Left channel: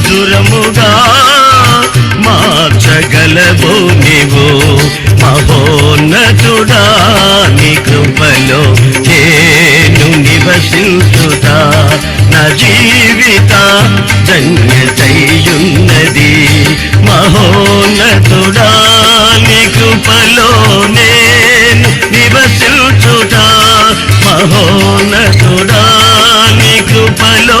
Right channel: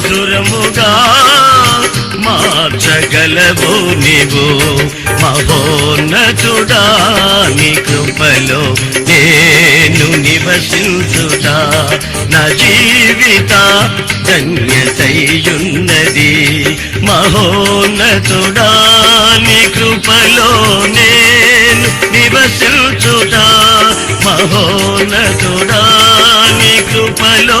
మధురముగా మార్చగలవు నీవు. మహోన్నతుడా నీ కృపలో నేను నివసించుట నా జీవిత ధన్యతయున్నది. మహోన్నతుడా నీ కృపలో నేను నివసించుట మహోన్నతుడా నీ కృపలో